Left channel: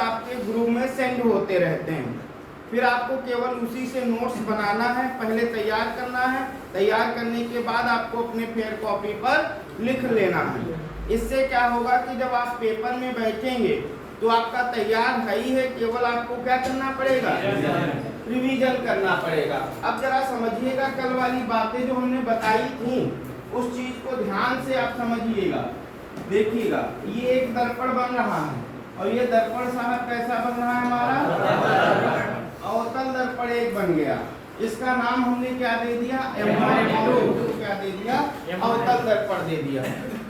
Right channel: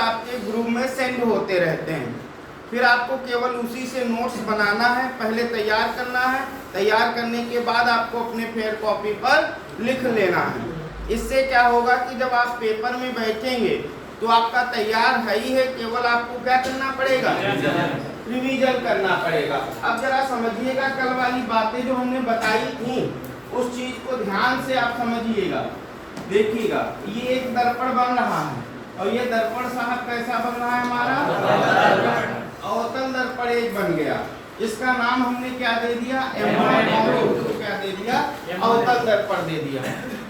आपके ग्रुप में सेंड होते रहते हैं। फिर आपको केवल उसी से नोट्स बनाना है, पहले तैयार करना है। तैयार करने के बाद आपको अपने फेयर कॉपी पर लिख लेना है। इससे क्या होगा कि जब आप पेपर में बैठेंगे तो आपका तैयार है ही है, केवल आपको क्या करना पड़ेगा, रिवीजन करना पड़ेगा। अब जरा समझिएगा, कल वाली बातें जो हमने बताई थी उस चीज को ध्यान से आप समझिएगा। देखिएगा, ये एक दर्पण बन रहा है और ये दर्पण साहब कैसा बन रहा है हमारा, अवतल दर्पण एक बन गया। इसका नाम हमने क्या दे दिया, M1 और क्या दे दिया, अवतल दर्पण दे दिया।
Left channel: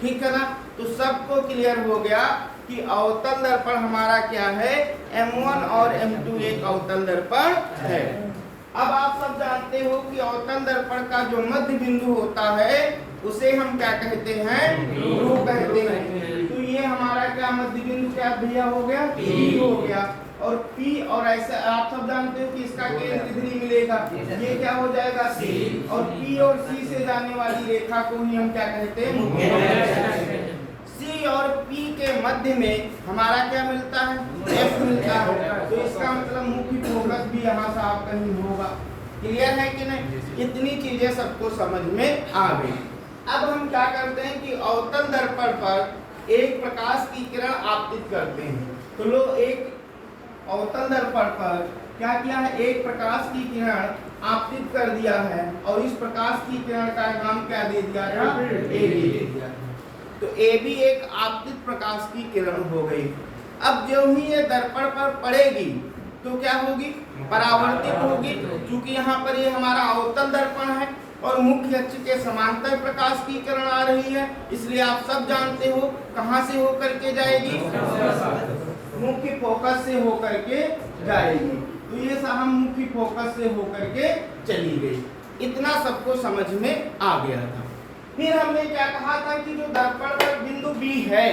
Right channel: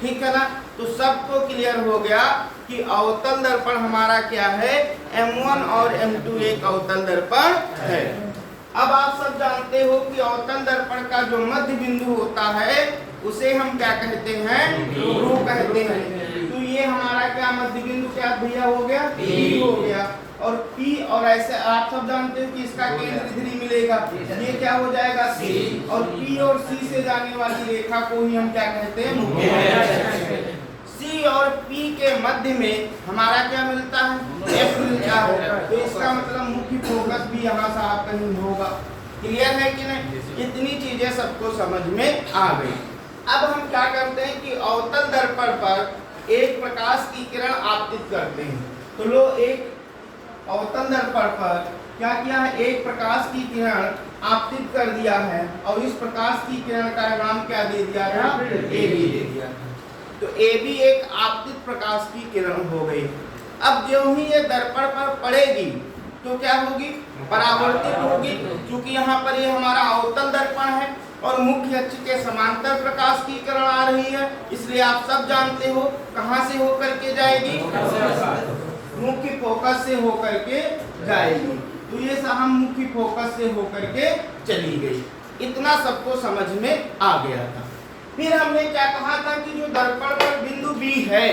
ठीक है ना। तो सबको क्लियर हो गया कि अवतल दर्पण हमारा क्या है, M1 और M2 एक अवतल दर्पण है। अब आप सब जानते हो कि अवतल दर्पण का जो मध्य बिंदु होता है उसे हम क्या कहते हैं, ध्रुव कहते हैं। तो ये हमारा क्या मध्य बिंदु क्या भैया हो गया, P हो गया। और P और ऐसे आप सब जानते हो कि इसका केंद्र इधर ही मिलेगा, ये क्या हो जाएगा C। और P और C से जाने वाली रेखा को ही हम क्या कहते हैं, मुख्य रेखा। C और P के मध्य में हमारा क्या मिलता है, F मिलता है। तो इसका मतलब मुख्य फोकस भी यहाँ से आप कहीं होगा। क्लियर है कि नहीं, इतनी चीजें सबको समझ में आ गई। अब हम क्या करते हैं कि अवतल दर्पण पर एक प्रकाश की किरण आपतित करते हैं। तो लो, एक अवतल दर्पण पर क्या किया है, एक प्रकाश की किरण आपतित कर दिया है और इस प्रकाश की किरण का नाम क्या दे दिया था, AB दे दिया। तो AB एक आपतित प्रकाश की किरण हो गई। अब जो ही ये दर्पण पर पड़ेगी तो क्या होगी, परावर्तित होगी। क्योंकि यहाँ पर ये हमारा अवतल दर्पण है और मुख्य अक्ष के समांतर प्रकाश की किरण आ रही है, इसलिए आप सब जानते हो कहाँ से होकर के जाएगी, मुख्य फोकस से होकर के जाएगी। तो ये साहब मुख्य फोकस से होकर के चली गई। इतना सबको समझ में आ गया था। फिर हमने क्या कहा था कि जो दर्पण पर बिंदु B है,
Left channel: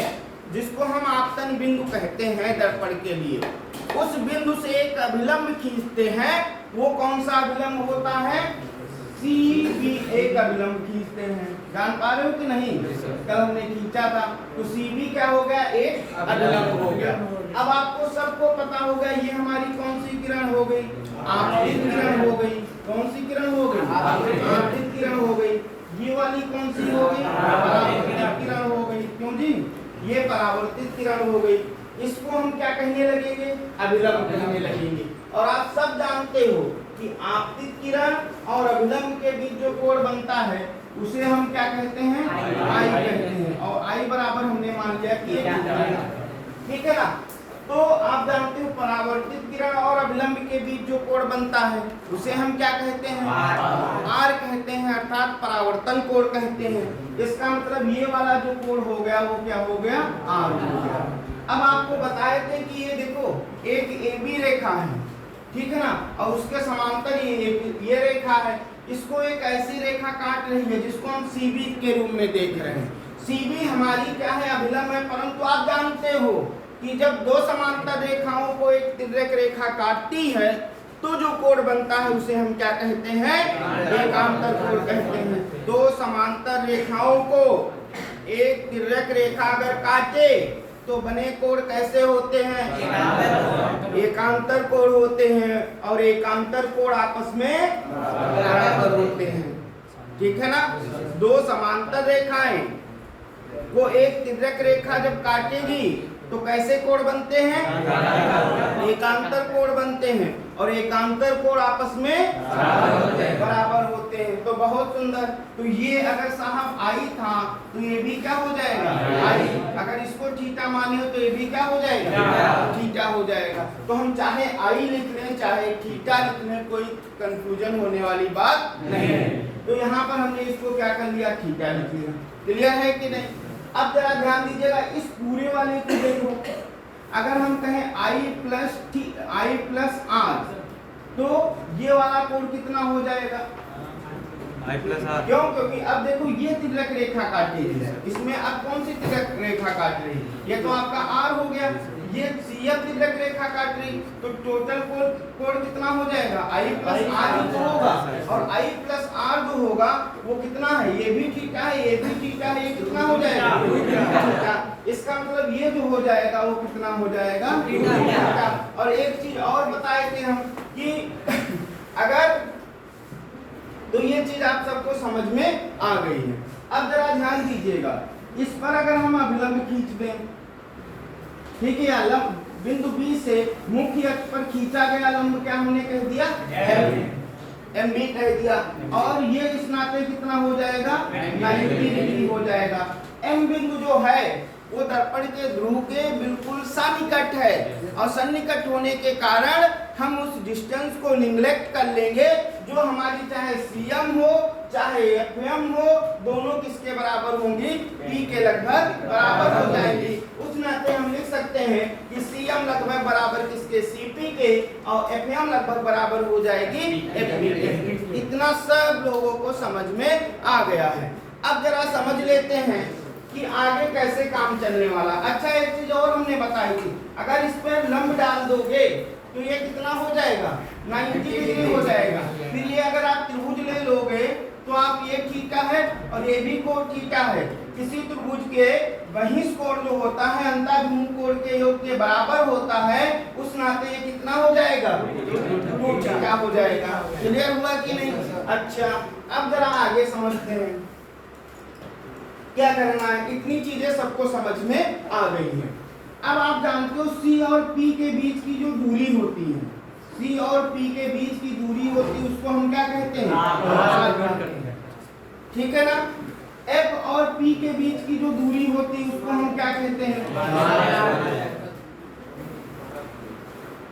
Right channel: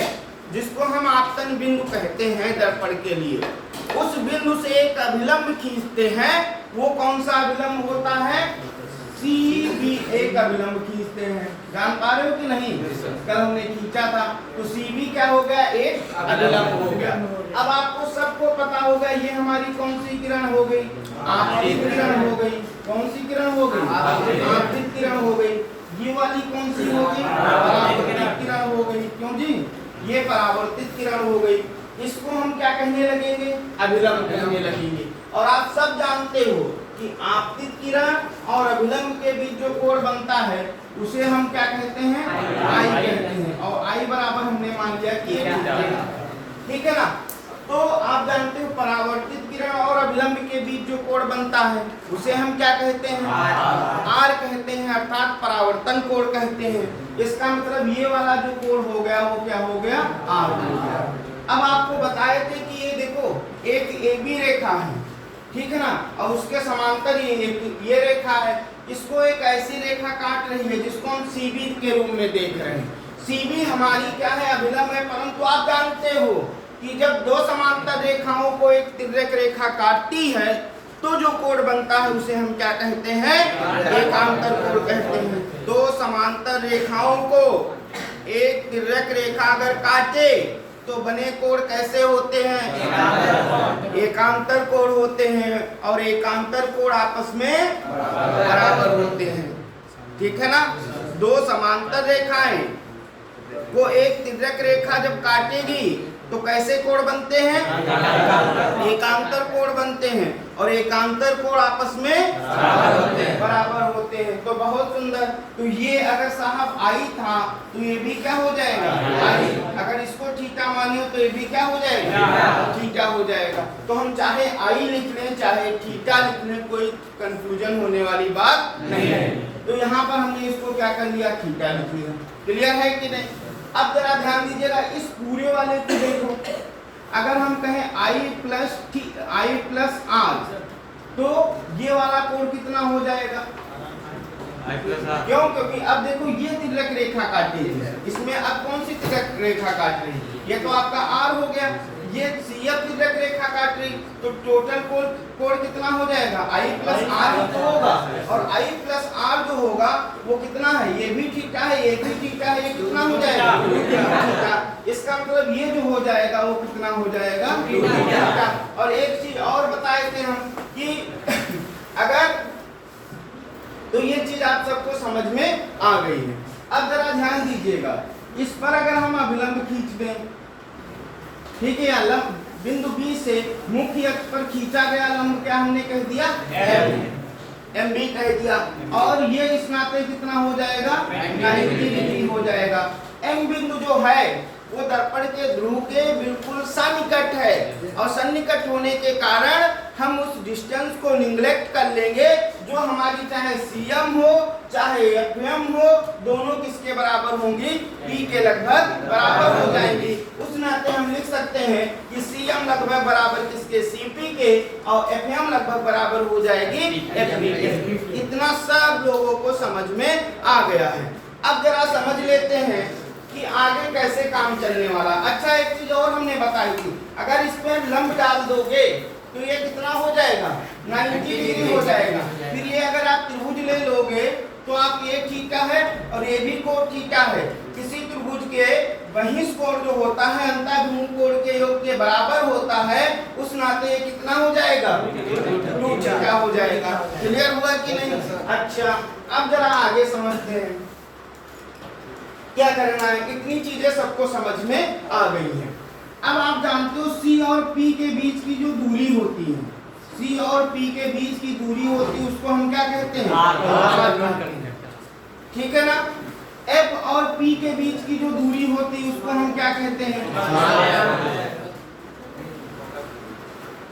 जिसको हम आपतन बिंदु कहते हैं दर्पण के लिए, उस बिंदु से एक अभिलंब खींचते हैं। वो कौन सा अभिलंब होता है, CB एक अभिलंब खींचते हैं। जान पा रहे हो कि नहीं, कल हमने खींचा था। तो CB क्या हो गया, एक अभिलंब हो गया। अब आपको सबको पता होगा ये हमारी कौन सी किरण हो गई, आपतित किरण हो गई। कौन सी किरण हो गई, आपतित किरण हो गई। ये वाली कौन सी हो गई, परावर्तित किरण हो गई। क्यों जी, ये परावर्तित किरण हो गई। इसको हम क्या कहने लगेंगे, अभिलंब कहने लगेंगे। और आप सब जानते हो कि आपतित किरण और अभिलंब के बीच जो कोण बनता है उसे हम क्या कहते हैं, I कहते हैं। और I बराबर हमने मान लिया कि ठीक है ना। तो आप जानते हो परावर्तित किरण और अभिलंब के बीच जो कोण बनता है उसे हम क्या कहते हैं, R कहते हैं, अर्थात परावर्तन कोण कहते हैं। इसका मतलब ये वाला जो कोण हो गया वो क्या हो गया, R हो गया। अब आपको बताए थे कि ये देखो एक AB रेखा है, ठीक है ना, और उसके समांतर ये रेखा है। इसको एक ऐसी रेखा काट रही है जिसको हम CB के रूप में देख रहे हैं। CB हमारी क्या है, अभिलंब है। परंतु आप जानते हो कि जब दो समांतर रेखाओं को एक तिर्यक रेखा काटती है तो जो कोण बनता है उसे हम क्या कहते हैं, एकांतर कोण कहते हैं। दो समांतर रेखाओं को एक तिर्यक रेखा अगर काटे तो बने कोण कैसे होते हैं, एकांतर कोण होते हैं। और एकांतर कोण आपस में बराबर होते हैं। ठीक है ना। दो समांतर रेखाएं को एक तिर्यक रेखा जब काटेगी तो कैसे कोण बनते हैं, एकांतर कोण बनते हैं। और एकांतर कोण आपस में बराबर होते हैं। तो बहुत सुंदर। तो ये अगर साहब I था तो ये भी क्या हो जाएगा, I। अगर इसको थीटा मानिए तो ये भी क्या हो जाएगा, थीटा हो जाएगा। तो हम चाहे I लिख लें चाहे थीटा लिख लें, कोई कंफ्यूजन होने वाली बात नहीं है। तो यहाँ पर हमने इसको क्या कर लिया, थीटा लिख लिया। क्लियर है कि नहीं। अब जरा ध्यान दीजिएगा, इस पूरे वाले को देखो। अगर हम कहें I प्लस R तो ये वाला कोण कितना हो जाएगा, क्यों, क्योंकि अब देखो ये तिर्यक रेखा काटी है, इसमें अब कौन सी तिर्यक रेखा काट रही है, ये तो आपका R हो गया। ये CF तिर्यक रेखा काट रही, तो टोटल कोण कितना हो जाएगा, I प्लस R तो होगा, और I प्लस R जो होगा वो कितना है, ये भी थीटा है, ये भी थीटा है, ये कितना हो जाएगा, थीटा। इसका मतलब ये जो हो जाएगा वो कितना हो जाएगा, थीटा। और एक चीज और बताए थे हम कि अगर, तो ये चीज आप सबको समझ में आ गई है। अब जरा ध्यान दीजिएगा, इस पर अगर हम अभिलंब खींच दें, ठीक है, लंब बिंदु B से मुख्य अक्ष पर खींचा गया लंब क्या हमने कह दिया, MB कह दिया, और ये इस नाते कितना हो जाएगा, 90 डिग्री हो जाएगा। M बिंदु जो है वो दर्पण के ध्रुव के बिल्कुल सन्निकट है, और सन्निकट होने के कारण हम उस डिस्टेंस को निग्लेक्ट कर लेंगे, जो हमारी चाहे CM हो चाहे FM हो, दोनों किसके बराबर होंगी, P के लगभग बराबर हो जाएंगी। उस नाते हम लिख सकते हैं कि CM लगभग बराबर किसके, CP के, और FM लगभग बराबर हो जाएगी FP के। इतना सब लोगों को समझ में आ गया है। अब जरा समझ लेते हैं कि आगे कैसे काम चलने वाला। अच्छा, एक चीज और हमने बताई थी, अगर इस पर लंब डाल दोगे तो ये कितना हो जाएगा, 90 डिग्री हो जाएगा। फिर ये अगर आप त्रिभुज ले लोगे तो आप ये थीटा है और ये भी कोण थीटा है, किसी त्रिभुज के बहिष्ठ कोण जो होता है अंतःभिमुख कोण के योग के बराबर होता है, उस नाते ये कितना हो जाएगा, 2 थीटा हो जाएगा। क्लियर हुआ कि नहीं? अच्छा, अब जरा आगे समझते हैं क्या करना है। इतनी चीजें सबको समझ में आ गई हैं। अब आप जानते हो C और P के बीच की जो दूरी होती है, C और P के बीच की दूरी होती है, उसको हम क्या कहते हैं, ठीक है ना। F और P के बीच की जो दूरी होती है उसको हम क्या कहते हैं,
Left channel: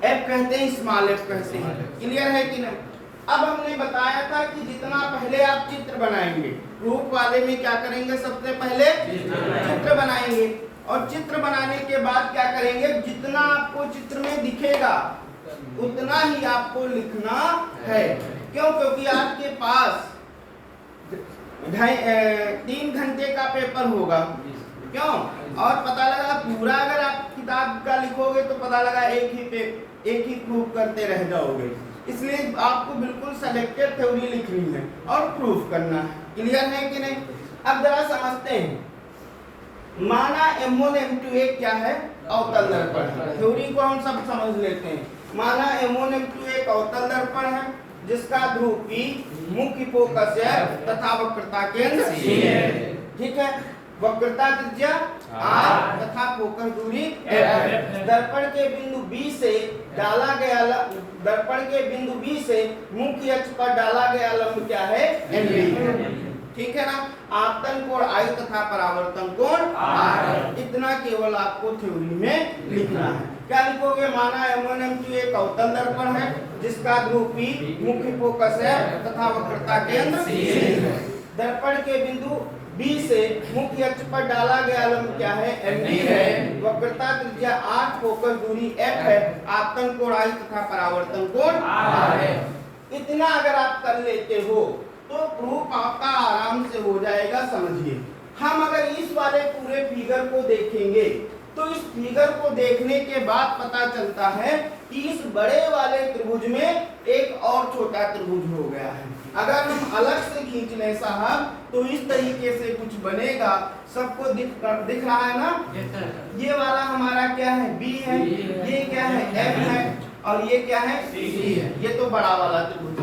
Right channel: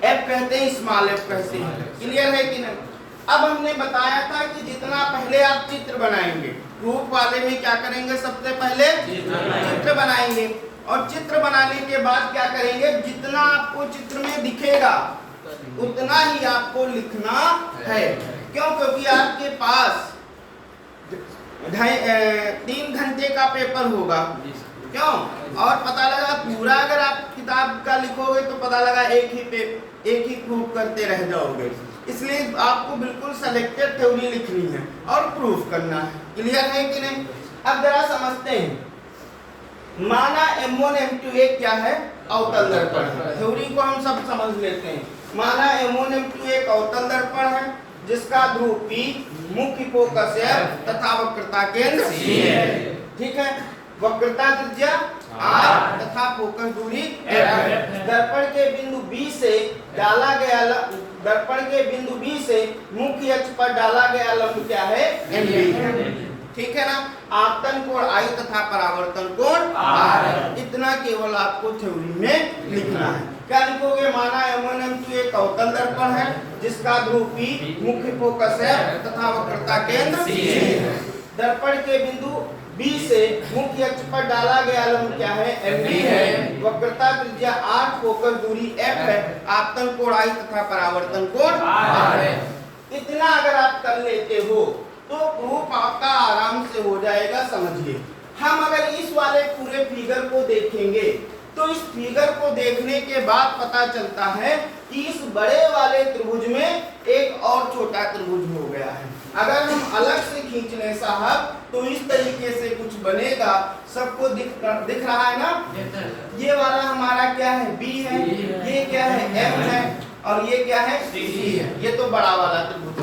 F कहते हैं, स्मॉल f कहते हैं। क्लियर है कि नहीं? अब हमने बताया था कि जितना पहले आप चित्र बनाएंगे, प्रूफ वाले में क्या करेंगे, सबसे पहले चित्र बनाएंगे, और चित्र बनाने के बाद क्या करेंगे, जितना आपको चित्र में दिखेगा उतना ही आपको लिखना है। क्यों? क्योंकि आपके पास 3 घंटे का पेपर होगा, क्यों, और पता लगा पूरा अगर आप किताब का लिखोगे तो पता लगा एक ही प्रूफ करते रह जाओगे। इसलिए आपको बिल्कुल सिलेक्टेड थ्योरी लिखनी है और प्रूफ करना है। क्लियर है कि नहीं? अब जरा समझते हैं, माना M1 M2 एक क्या है, अवतल दर्पण है। थ्योरी को हम सब समझ लेते हैं। माना M1 M2 एक अवतल दर्पण है जिसका ध्रुव P मुख्य फोकस है तथा वक्रता केंद्र C है। ठीक है, वक्रता त्रिज्या R तथा फोकस दूरी F है। दर्पण के बिंदु B से डाला गया दर्पण के बिंदु B से मुख्य अक्ष पर डाला गया लंब क्या है, MB। ठीक है ना। आपतन कोण I तथा परावर्तन कोण R। इतना केवल आपको थ्योरी में लिखना है। क्या लिखोगे, माना M1 M2 एक अवतल दर्पण है जिसका ध्रुव P मुख्य फोकस है तथा वक्रता केंद्र C है। दर्पण के बिंदु B से मुख्य अक्ष पर डाला गया लंब क्या है, MB है। वक्रता त्रिज्या R, फोकस दूरी F है। आपतन कोण I तथा परावर्तन कोण R है। इतना अगर आप कर लेते हो तो प्रूफ आपका आराम से हो जाएगा। समझिए, हम अगर इस वाले पूरे फिगर को देखेंगे तो इस फिगर को देखने के बाद पता चलता है कि इस बड़े वाले त्रिभुज में एक और छोटा त्रिभुज हो गया है। अगर हम अलग से खींच लें साहब तो इस तरीके से कुछ बनेगा। सबको दिख रहा है ना। ये वाला हमारा क्या है, B है, ये क्या है, M है, और ये क्या है, C है। ये तो बड़ा वाला त्रिभुज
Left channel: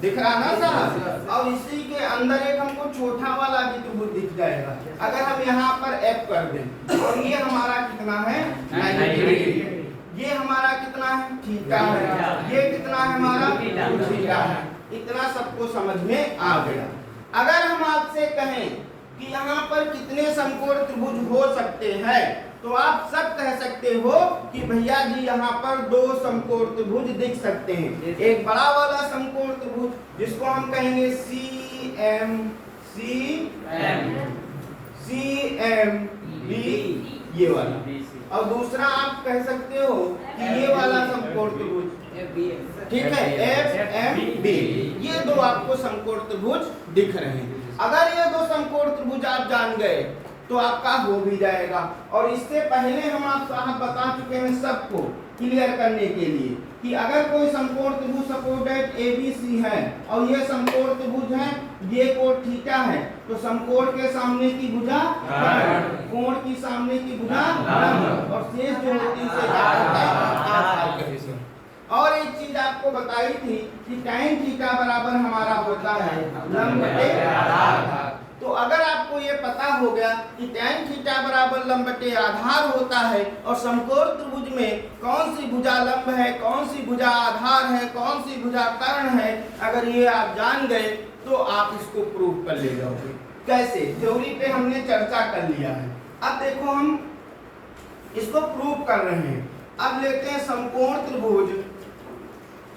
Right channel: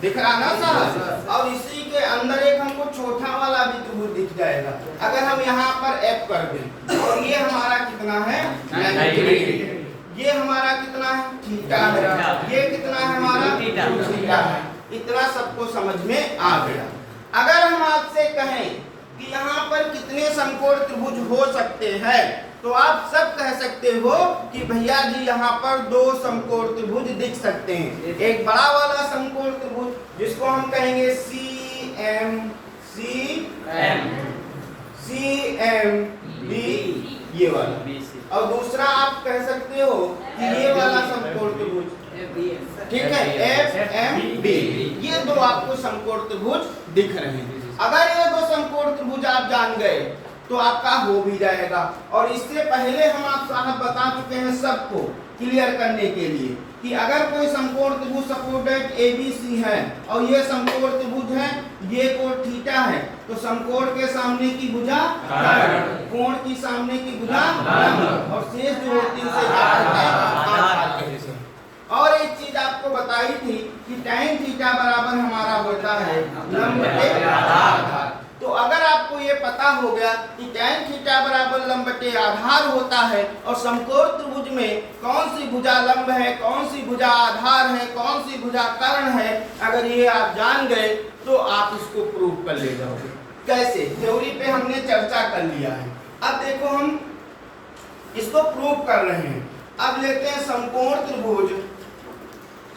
दिख रहा ना साहब। और इसी के अंदर एक हमको छोटा वाला भी त्रिभुज दिख जाएगा। अगर हम यहाँ पर F कर दें और ये हमारा कितना है, 90 डिग्री। ये हमारा कितना है, थीटा है। ये कितना है हमारा, थीटा है। इतना सबको समझ में आ गया। अगर हम आपसे कहें कि यहाँ पर कितने समकोण त्रिभुज हो सकते हैं तो आप सब कह सकते हो कि भैया जी यहाँ पर 2 समकोण त्रिभुज दिख सकते हैं। एक बड़ा वाला समकोण त्रिभुज जिसको हम कहेंगे CMB, ये वाला, और दूसरा आप कह सकते हो कि ये वाला समकोण त्रिभुज, ठीक है, FMB। ये 2 आपको समकोण त्रिभुज दिख रहे हैं। अगर ये 2 समकोण त्रिभुज आप जान गए तो आपका हो भी जाएगा। और इससे पहले हम आप साहब बता चुके हैं सबको क्लियर करने के लिए कि अगर कोई समकोण त्रिभुज सपोर्टेड ABC है और ये समकोण त्रिभुज है, ये कोण थीटा है, तो समकोण के सामने की भुजा कोण की सामने की भुजा और शेष जो होती है उसे क्या कहते हैं आधार। और एक चीज आपको बताई थी कि tan थीटा बराबर हमारा होता है लंब बटे आधार। तो अगर आपको ये पता हो गया कि tan थीटा बराबर लंब बटे आधार होता है और समकोण त्रिभुज में कौन सी भुजा लंब है, कौन सी भुजा आधार है, कौन सी भुजा कर्ण है, अगर ये आप जान गए तो आप इसको प्रूव कर ले जाओगे। कैसे? थ्योरी पे हमने चर्चा कर लिया है, अब देखो हम इसको प्रूव कर रहे हैं। अब लेते हैं समकोण त्रिभुज।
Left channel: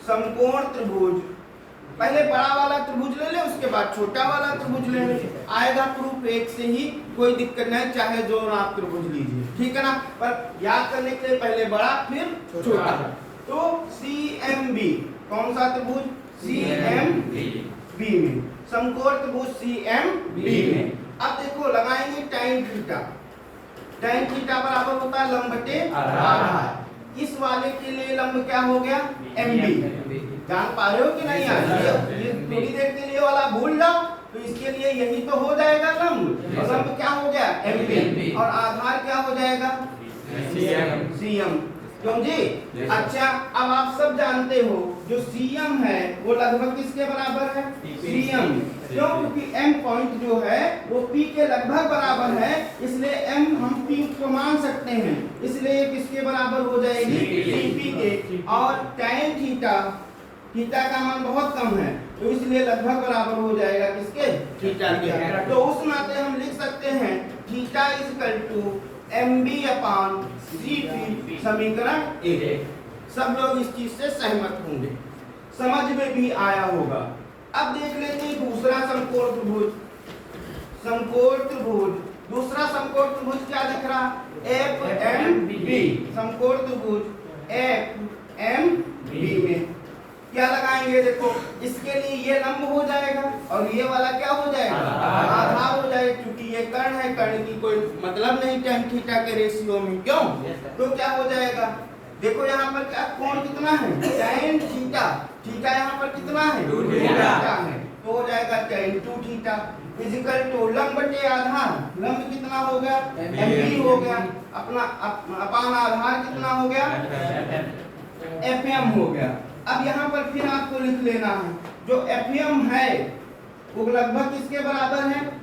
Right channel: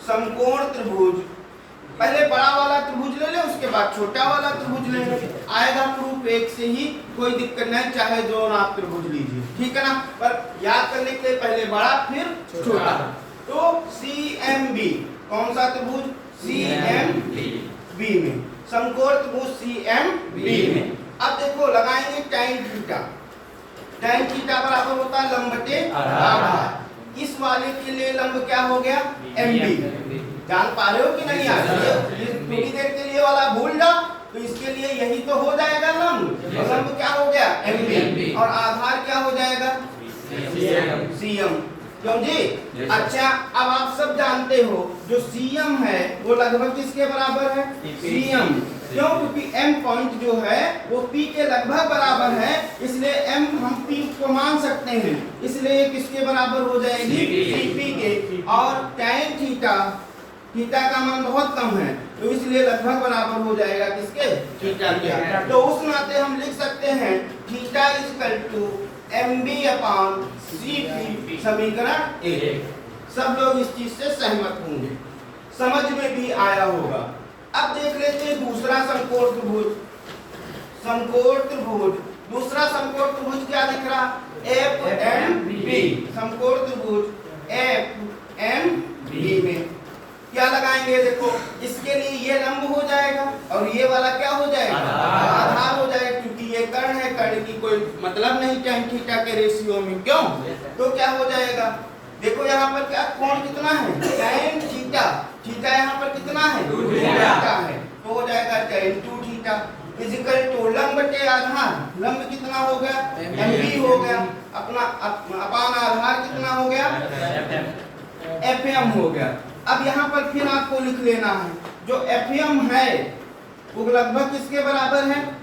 समकोण त्रिभुज पहले बड़ा वाला त्रिभुज ले ले, उसके बाद छोटा वाला त्रिभुज ले ले, आएगा प्रूफ एक से ही, कोई दिक्कत नहीं, चाहे दोनों आप त्रिभुज लीजिए, ठीक है ना। पर याद करने के लिए पहले बड़ा फिर छोटा। तो CMB कौन सा त्रिभुज? CMB में समकोण त्रिभुज CMB में। अब देखो लगाएंगे tan थीटा। tan थीटा बराबर होता है लंब बटे आधार। इस वाले के लिए लंब क्या हो गया? MB। जान पा रहे हो कि नहीं? ये थोड़ी देर के लिए वाला भूल जाओ, तो इसके लिए यही तो हो जाएगा लंब। और लंब क्या हो गया? MB। और आधार क्या हो जाएगा? CM। क्यों जी? अच्छा, अब आप सब जानते हो जो CM है वो लगभग किसके बराबर है? CM। क्यों? क्योंकि M पॉइंट जो है वो P के लगभग बराबर है, इसलिए M हम P को मान सकते हैं, इसलिए ये किसके बराबर हो जाएगी? CP के। और tan थीटा, थीटा का मान बहुत कम है, तो इसलिए लगभग बराबर हो जाएगा किसके? थीटा के। तो उस नाते हम लिख सकते हैं theta is equal to MB upon CP, समीकरण 1। सब लोग इस चीज से सहमत होंगे, समझ में भी आया होगा। अब देख लेते हैं दूसरा समकोण त्रिभुज। समकोण त्रिभुज, दूसरा समकोण त्रिभुज क्या दिख रहा? FMB। समकोण त्रिभुज FMB में क्या लगाएंगे? देखो इसके लिए ये लंब हो जाएगा और ये वाला क्या हो जाएगा? आधार हो जाएगा, क्योंकि ये कर्ण है, कर्ण की कोई मतलब नहीं tan थीटा के रेशियो में। क्यों? तो क्या हो जाएगा? देखो यहाँ पर क्या कोण कितना है? tan theta. थीटा यहाँ पर कितना है? 2 थीटा है, तो हो जाएगा tan 2 थीटा इक्वल टू लंब बटे आधार। लंब कितना हो गया? MB हो गया, अपना अपान आधार कितना हो गया? FM हो गया। अब यहाँ पर फिर आपको लिख लेना है जो FM है वो लगभग किसके बराबर है?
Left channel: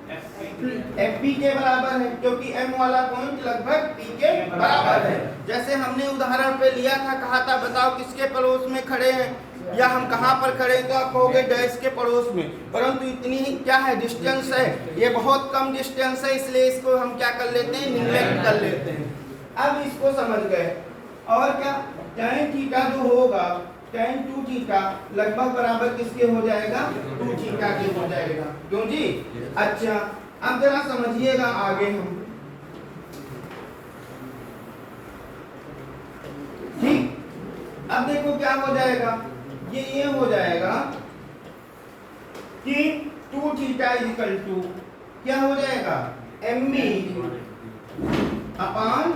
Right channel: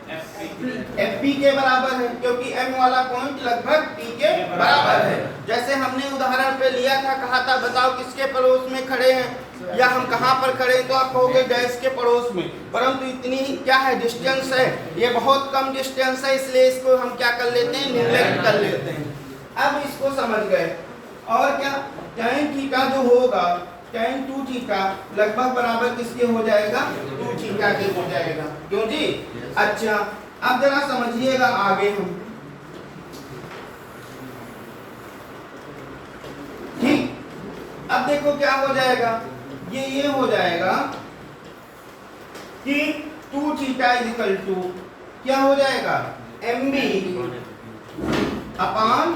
FP के बराबर है, क्योंकि M वाला पॉइंट लगभग P के बराबर है। जैसे हमने उदाहरण पे लिया था, कहा था बताओ किसके पड़ोस में खड़े हैं, या हम कहाँ पर खड़े हैं, तो आप कहोगे डैश के पड़ोस में, परंतु इतनी क्या है डिस्टेंस है, ये बहुत कम डिस्टेंस है, इसलिए इसको हम क्या कर लेते हैं? निग्लेक्ट कर लेते हैं। अब इसको समझ गए। और क्या? tan थीटा जो होगा tan 2 थीटा लगभग बराबर किसके हो जाएगा? 2 थीटा के हो जाएगा। क्यों जी? अच्छा, अब जरा समझिएगा आगे हम, ठीक। अब देखो क्या हो जाएगा, ये हो जाएगा कि 2 थीटा इज इक्वल टू क्या हो जाएगा? MB अपान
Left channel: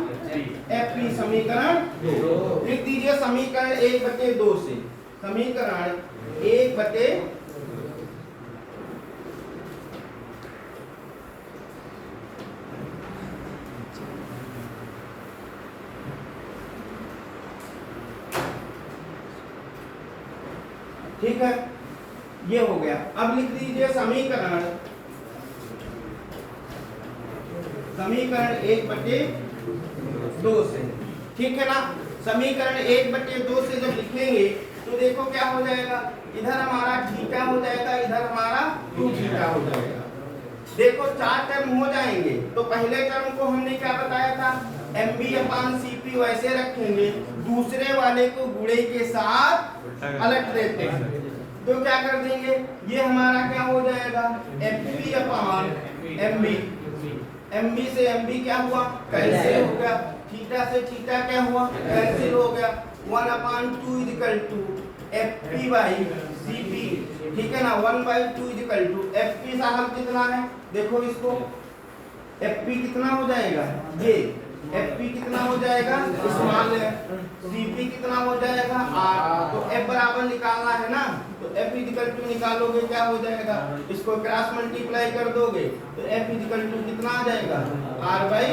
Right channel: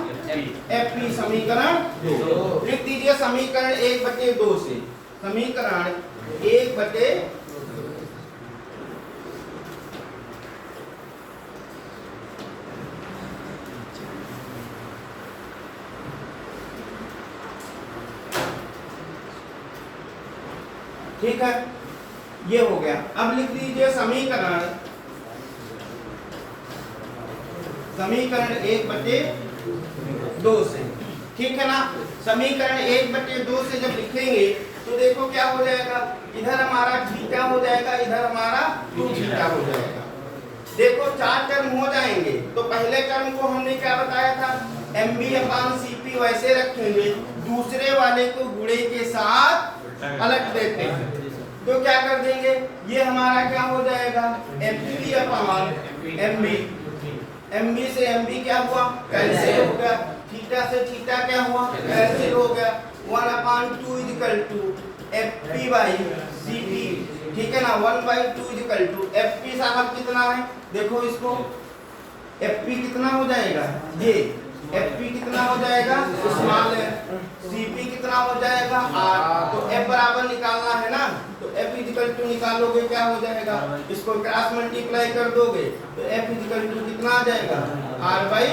FP, समीकरण 2। लिख दीजिए समीकरण 1/2 से, समीकरण 1/2। ठीक है, ये हो गया। अब लिख दीजिए समीकरण 1/2 से, ठीक है ना। समीकरण 1/2 से जब लिखेंगे तो देखो क्या हो जाएगा, इधर हमारा थीटा हो जाएगा, इधर हमारा 2 थीटा हो जाएगा। देखो 4 टर्म हो जाएंगे, तो पहले टर्म को हमने क्या बताया था? MB अपान CP वैसे रखेंगे, दूसरे वाले को गुणे के साथ पलट देते हैं, तो क्या कर देंगे? ये हमारा क्या हो जाएगा? FP अपान MB। MB से MB क्या हुआ? कैंसिल हो गया। थीटा से थीटा क्या हुआ? कैंसिल हो गया। 1/2 is equal to FP by CP, ठीक है ना। 1/2 इज इक्वल टू FP साहब कितना है? देखो इसको एफ पी कितना हो जाएगा, ये एफ पी कितना हो जाएगा, स्मॉल है, सी पी कितना हो जाएगा आर। तो एफ बराबर निकालना है ना, तो एफ इक्वल टू निकालोगे क्या हो जाएगा, इसको क्रॉस मल्टीप्लाई कर दोगे तो एफ इक्वल टू कितना आ जाएगा, आर बाई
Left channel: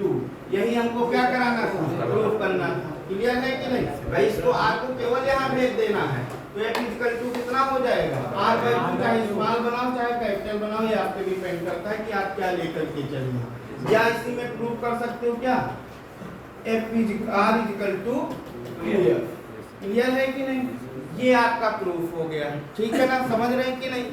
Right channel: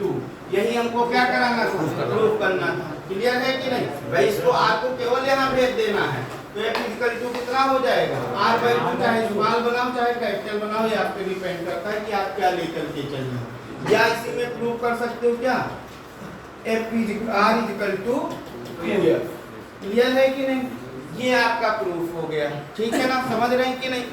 2। यही हमको क्या कराना था, प्रूफ करना था। क्लियर है कि नहीं भाई, इसको आर को केवल यहाँ भेज देना है। तो एफ इक्वल टू कितना हो जाएगा, आर बाई 2, चाहे स्मॉल बनाओ चाहे कैपिटल बनाओ, ये आप पे डिपेंड करता है कि आप क्या लेकर के चलिए। या इसी में प्रूव कर सकते हो क्या, F R equal to 2f। Clear है कि नहीं, ये आपका प्रूफ हो गया। ठीक है ना, समझ रहे हैं कि नहीं।